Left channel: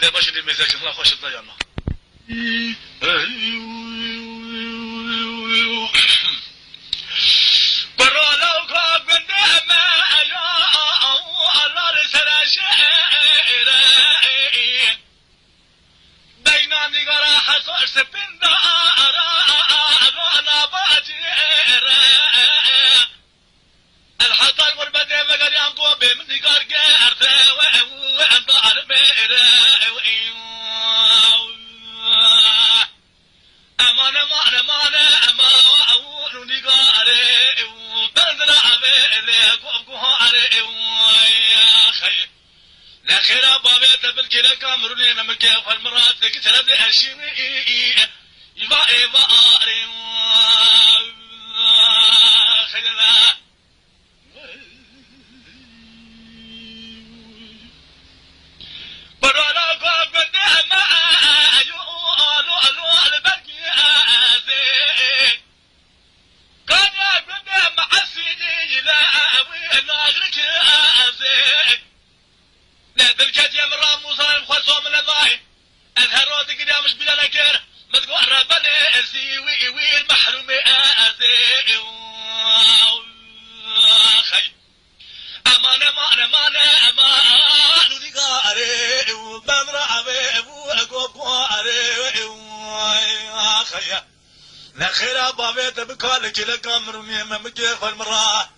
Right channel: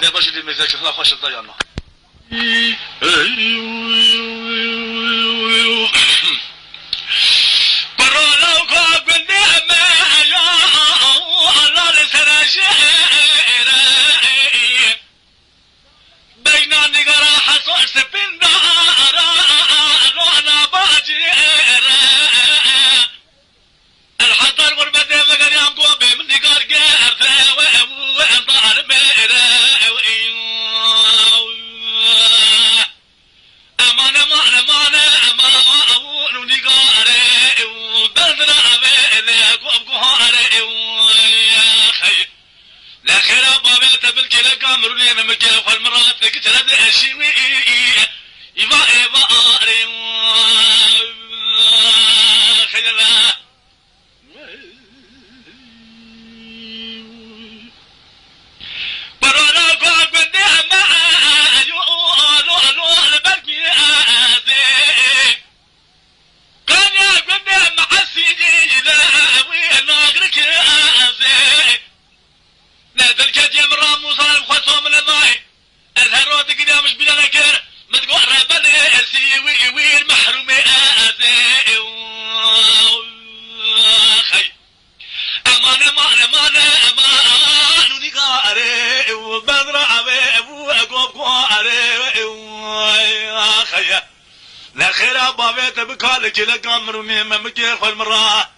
كده باش المزاج الله خوش الضيانه برانا وقاق النعمة يا الله لسراجيري بينا نقرا حصوص بالنار روحنا باجيري الحضر والبدر وقر يام قوبي من نقار قرثة وين ضار ميري أمان أمان أمان أمان ونقاري وبدر عبيلي قوم قهاري يا خي لا خير بابيت بالكلا كامروني ممكن والمرات كتر بأشيوي يبا يباري خيلا برانا قوم بالنعمة يقولوا البركي كان يقول معسيدي لا ويناغرك ازي نادى الكاد يا مرام وصار مخصوم من الماي الهرود قدام مش بلا نكر متقول ربنا سي ويل محروم ازي خي امان امان امان امان ونقاري وبدر ابي ابو اقوب قاري خي لا خير بابيت بكالك لك امر ممكن كل مره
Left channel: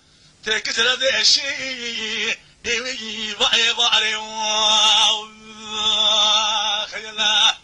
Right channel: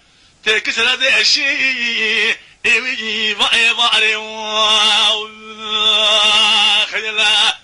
تكسر هذا الشيء يبقى خيلا